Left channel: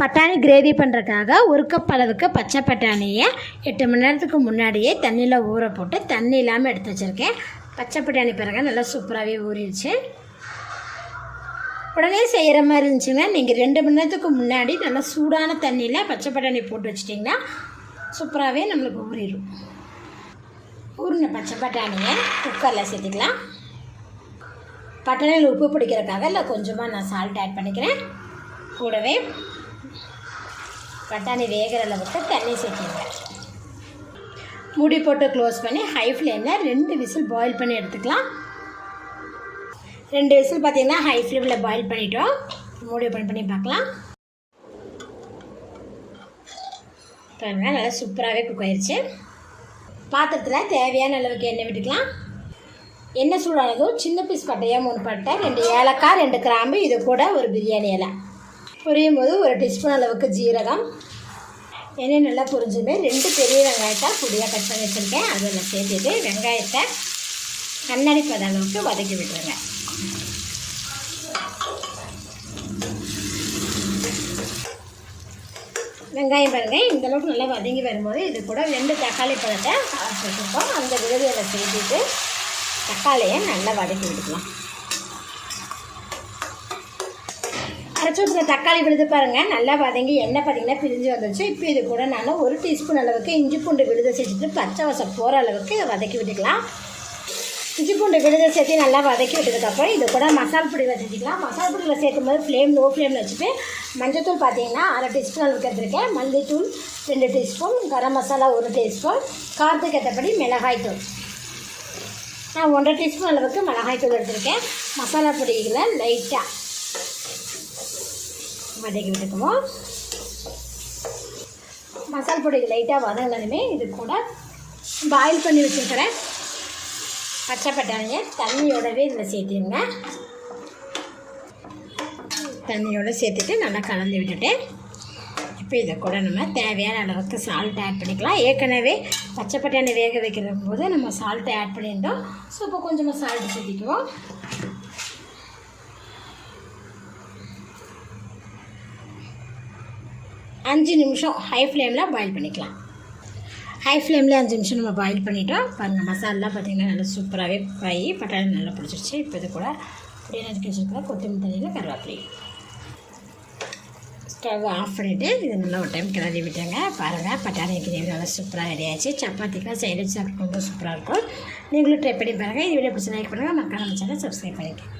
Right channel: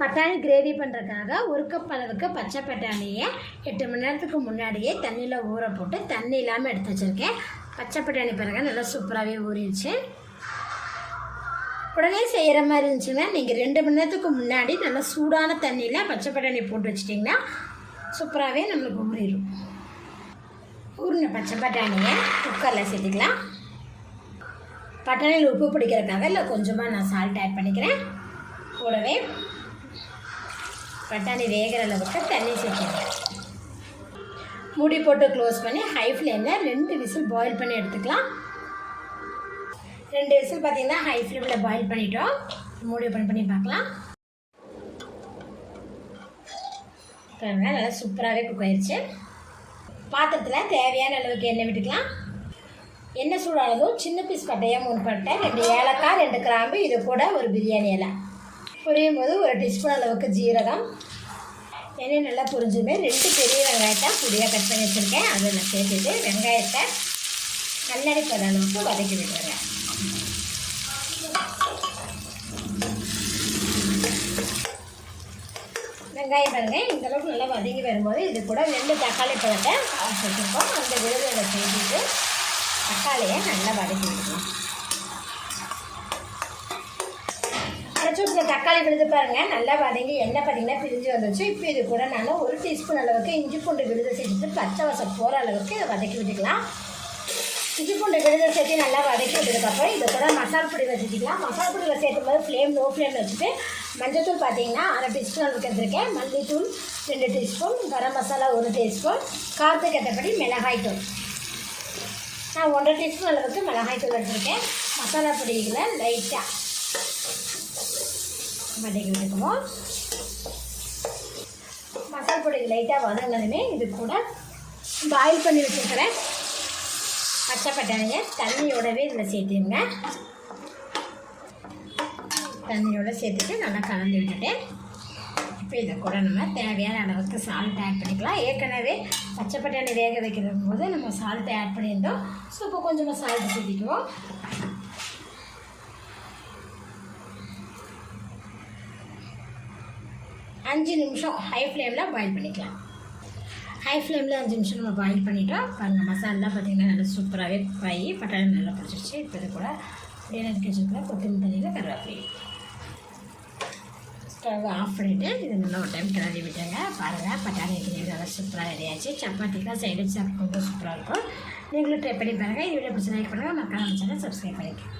பட்டாணி கிரேவி பண்ணுறதுக்காக ஒரு கப் அளவுக்கு பச்சை பட்டாணியை எட்டு மணி நேரத்துக்கு முன்னாடியே தண்ணியில் ஊற போட்டு தண்ணி இல்லாமல் எடுத்து வச்சுருக்கேன். பச்சை பட்டாணி பிறகு நல்லா சூப்பராகவே ஊறிடுச்சு. உடனே செய்கிற மாதிரி இருந்துச்சுன்னா நீங்கள் ரெண்டு மணி நேரத்துக்கு முன்னாடி நல்லா சூடான தண்ணியில் பச்சை பட்டாணி போட்டு வச்சிட்டிங்கன்னா சூப்பராகவே நம்மளுக்கு ஊறிடும். ஊறின பச்சை பட்டாணியை குக்கரில் சேர்த்துக்கலாம். பட்டாணியில் உப்பு பிடிக்கிறதுக்காக இல்லை கொஞ்சமாக நான் சால்ட் ஆட் பண்ணிக்கிறேன். கூடவே பட்டாணி வேகிற அளவுக்கு தண்ணி சேர்த்துக்கிறேன் மூடி போட்டு க்ளோஸ் பண்ணி ஹை ஃப்ளேமில் ரெண்டு விசில் பாயில் பண்ணி எடுத்துக்கலாம். ரெண்டு விசில் பார்த்தீங்கன்னா ஹை ஃப்ளேமில் பாயில் பண்ணிட்டோம். மூடி ஓப்பன் பண்ணி பார்க்கலாம். பாருங்கள் நல்லா சூப்பராகவே குக் ஆயிடுச்சு பாத்திரத்தில் தேவையான அளவுக்கு எண்ணெய் விட்டுக்கலாம். எண்ணெய் சூடானதும் சின்ன பீஸ் பட்டையாக மூணு பட்டை ரெண்டு ஏலக்காய் ரெண்டு கிராம்பு இது கூட ஒரு பிரியாணி இலை. பொரியும் போது ஒரு டீஸ்பூன் அளவுக்கு ஜீரகம். எண்ணெய் நல்லா பொரிஞ்சுமே. ரெண்டு பெரிய வெங்காயத்தை பொடியாக கட் பண்ணி வச்சுருக்கேன். அதில் சேர்த்துட்டு வெங்காயத்தை கண்ணாடி பத அளவுக்கு வதக்கி விட்டுருங்க வெங்காயம் பாருங்க. இந்த அளவுக்கு நல்லா வதங்கி வரும்போது இது கூட ரெண்டு தக்காளி பழத்தை வச்சுருக்கோம் அந்த விழுதியை சேர்த்துட்டு தக்காளியை நல்லா வதக்கி விடுவோம் அரைச்சி ஊற்றின தக்காளி விழுது பாருங்கள் நல்லா வதங்கி எண்ணெய் பார்த்தீங்கன்னா பிரிஞ்சு வந்துச்சு இப்போ இது கூட நான் ஒரு டீஸ்பூன் அளவுக்கு இஞ்சி பூண்டு விழுதை சேர்த்துட்டு பச்சை வசம் போகிற அளவுக்கு இதை வதக்கி விட்டுக்கலாம். இஞ்சி பூண்டு விழுத சேர்த்து நல்லா வதக்கி விட்டதுக்கப்புறம் இது கூட மசால் பொடி சேர்த்துக்கலாம் மசால் பொடியில் சேர்க்கும் போது ஃப்ளேம் லோ ஃப்ளேமில் வச்சுட்டு மஞ்சத்தூள் பார்த்தீங்கன்னா அரை டீஸ்பூன் அளவுக்கு எடுத்துருக்கேன். மல்லித்தூள் ரெண்டு டீஸ்பூன் கரம் மசாலா ஒரு டீஸ்பூன் காரத்துக்கு ஏற்றபடி மிளகாய் தூள். நான் ஒன்றரை டீஸ்பூன் அளவுக்கு மிளகாய் தூள் மசாலா பொடிகளை லைட்டாக வதக்கி விட்டுக்குவோம் மசால் பொடி லைட்டாக வதங்கினதுமே இது கூட பாயில் பண்ணி வச்சுருக்கிற பச்சைப்பட்டாணியை தண்ணியோடவே இதில் சேர்த்துருங்க. தண்ணியோட சேர்த்துட்டு நல்லா கலந்து விட்டுட்டு இப்போ இதை கூட நம்ம தேவையான அளவுக்கு சால்ட் ஆட் பண்ணிக்கலாம். ஏற்கனவே பச்சை பட்டாணி வேக வைக்கிற போது நம்ம சால்ட்டை ஆட் பண்ணியிருந்தோம். ஸோ இப்போ கொஞ்சமாக சால்ட் சேர்த்திக்குவோம். அஞ்சு நிமிஷம் ஹை ஃப்ளேமில் பாயில் பண்ணிக்கலாம். ஹை ஃப்ளேமில் அஞ்சு நிமிஷம் நம்ம பாயில் பண்ணிட்டோம். பாருங்கள் மசாலா பார்த்திங்கன்னா நல்லா சூப்பராகவே பாய் பட்டாணி நல்லா பிடிச்சிருச்சு இப்போ இது கூட அப்படியே நறுக்கி வச்சுருக்கோம். கொத்தமல்லி தண்ணியில் கருவேப்பிலை. ஸ்டவ் ஆஃப் பண்ணிவிட்டு இது நல்லா ஒரு டைம் கிளறி விட்டாங்க பாருங்கள் பட்டாணி கிரேவி நல்லா சூப்பராக ரெடி ஆச்சு சப்பாத்திக்கெலாம் சைடு சாப்பிட்டு ரொம்ப சூப்பராக இருக்கும். நீங்களும் ட்ரை பண்ணி பாருங்கள் இது வீடியோ பிடிச்சி லைக் பண்ணுங்கள் மக்கள் நம்ம சேனல் சப்ஸ்கிரைப் பண்ணிக்கலாம்